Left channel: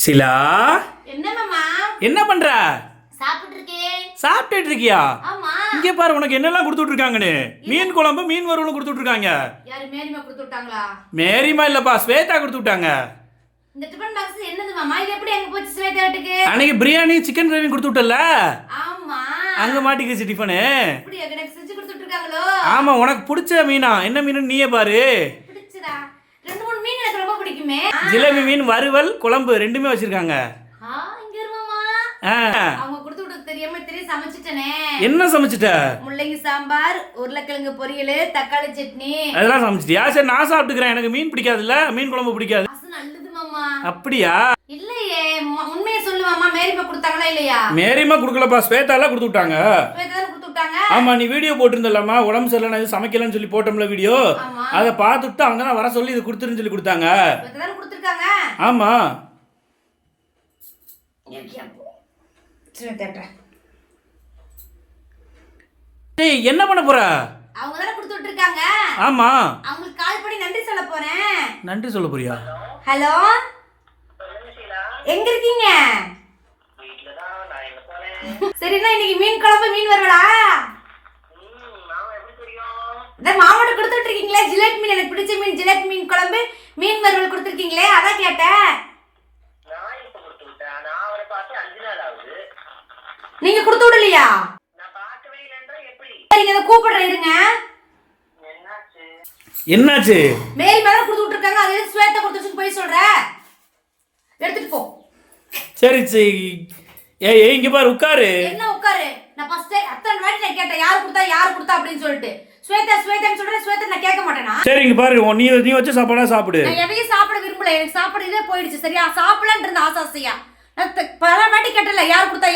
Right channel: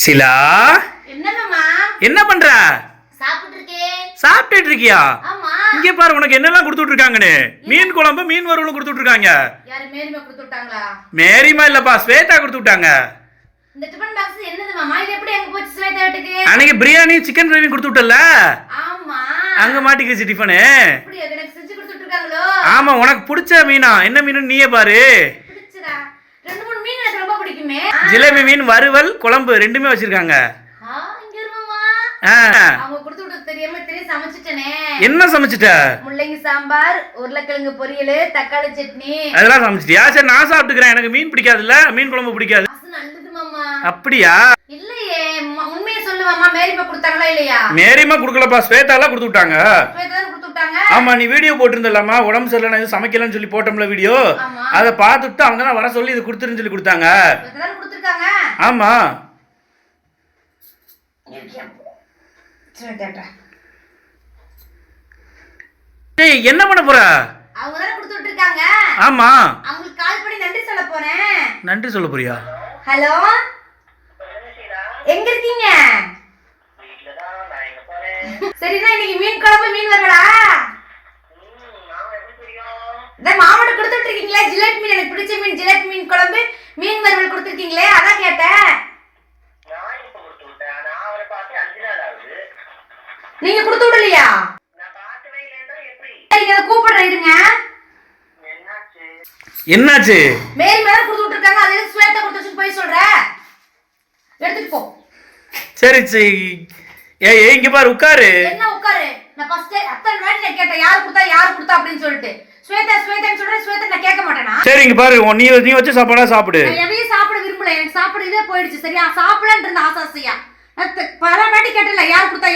ஷிலா, என்ன மாமா? என்ன பண்ற? சாப்பிட்டு இருக்கேன். சாப்பிட்டுட்டு இருக்கியா? ஆமா. இங்க பாரு, உனக்கு என்னெல்லாம் கொடுத்துட்டு இருக்காங்கன்னு. மீன் குழம்பு, மீன் வறுவல் கொடுத்துட்டு இருக்காங்க. யாரு மேரிமா கொடுத்து விட்டாங்களா? மேரிமா இல்லப்பா, ஸ்வேதா கொடுத்து விட்டாங்க. இந்த டிபன் பாக்ஸ் என்னது மாமா? இது எப்படி அங்க போச்சு ஸ்வேதா வீட்டுக்கு? அன்னைக்கு பிரியாணி சிக்கன் பிரியாணி கொடுத்து விட்டல, ஆமா. அங்க மாட்டிக்கிச்சு டிஃபனு. இப்படி எனக்கு செஞ்சு கொடுத்துட்டு இருக்காங்களோ? ஆமா, உனக்கு பிடிச்ச மீனா என்ன மீன் நீயே பாரு. பிடிச்சதா? ரெண்டு மூணு மீன் எனக்கு ரொம்ப பிடிக்குமே. ஜிலேபி மீன் வறுவல் குழம்பு ரெண்டுமே வச்சிருக்காங்க. இங்க இரு மாமா. அவங்க கொடுத்து விட்டது தெரியாம சமைச்சிட்டனே. என்ன சமைச்சிட்ட? முள்ளங்கி சாம்பார், உருளைக்கிழங்கு பொரியல், தக்காளி சட்னி. அதெல்லாம் சமைச்சிட்டியா? சரி, நான் சாப்பிட்டுக்கிறேன். எனக்கு மீன் பிடிக்காதுல்ல, மீன் குழம்பு பிடிக்காது. நல்லது மாமா. அப்படியா? இல்லையே, உண்மையை சொல்லு மாமா. மேரிமா கொடுத்தாங்களா இல்லையா? மேரிமா கொடுக்கலப்பா, ஸ்வேதாலாம் கொடுத்து விட்டாங்க. ஸ்வேதா கொடுத்து விட்டாங்க. ஆமா, நீ வீடியோ போட்டிருந்தலாமா, உடம்பு சரியில்லை நான் எதுவும் சமைக்கலன்னு சொல்லி போட்டோம்ல வீடியோ. அதை பார்த்துட்டு அவங்க தான் வர சொல்லி இது கொடுத்துருன்னு சொல்லி கொடுத்தாங்க. கொடுத்துருக்காங்க. ஆமா. டேய், என்ன பண்ண போற? அவங்க தான கொடுத்து விட்டுருக்காங்க. ஆமா. அவங்களுக்கு கால் பண்ணி நன்றி சொல்ல போறேன். நன்றி சொல்ல போறியா? ஹலோ, எங்க இருக்கீங்க? சரிண்ணா, இன்னைக்கு மீன் குழம்பு மீன் வறுவலா? இந்த மாவட்ட கொடுத்து விட்டுருக்கீங்களே, ஜிலேபி மீன், எனக்கு பிடிச்ச மீன் ஜிலேபி மீன் குழம்பு மீன் வறுவல் கொடுத்துருக்கீங்களே, அதான் கேட்டேன். நீங்க கொடுத்து விடலையா? நீங்க அதை கூப்பிடுறேன், இருங்க. என்னாச்சு? மேரி மேல கொடுத்து விட்டுருக்காங்க, அது ஸ்வேதா கொடுத்து போய் சொல்ற. எடுத்துட்டு போ. சரி சரி. ஏய், இங்க பாரு, உட்காரு. என்ன உட்காரு? நான் ஃபர்ஸ்ட் அத்தனை வாட்டி நான் கேட்டேன், யார் கொடுத்தா அப்படின்னு சொல்லிட்டு. ஸ்வேதான்னு சொல்றேன், ஸ்வேதா நான் கேட்க மாட்டேனா? சரி, இங்க பாரு, நீ வச்சு சாப்பாடா சாப்பிடு. நான் எதையும் சாப்பிட விரும்பல, எனக்கு சாப்பிட இதே போயிடுச்சு. சரியா, சாப்பிடலான்னு இருந்த ஆசாசியா நான் பல வாட்டி கேட்டல, யார் கொடுத்தா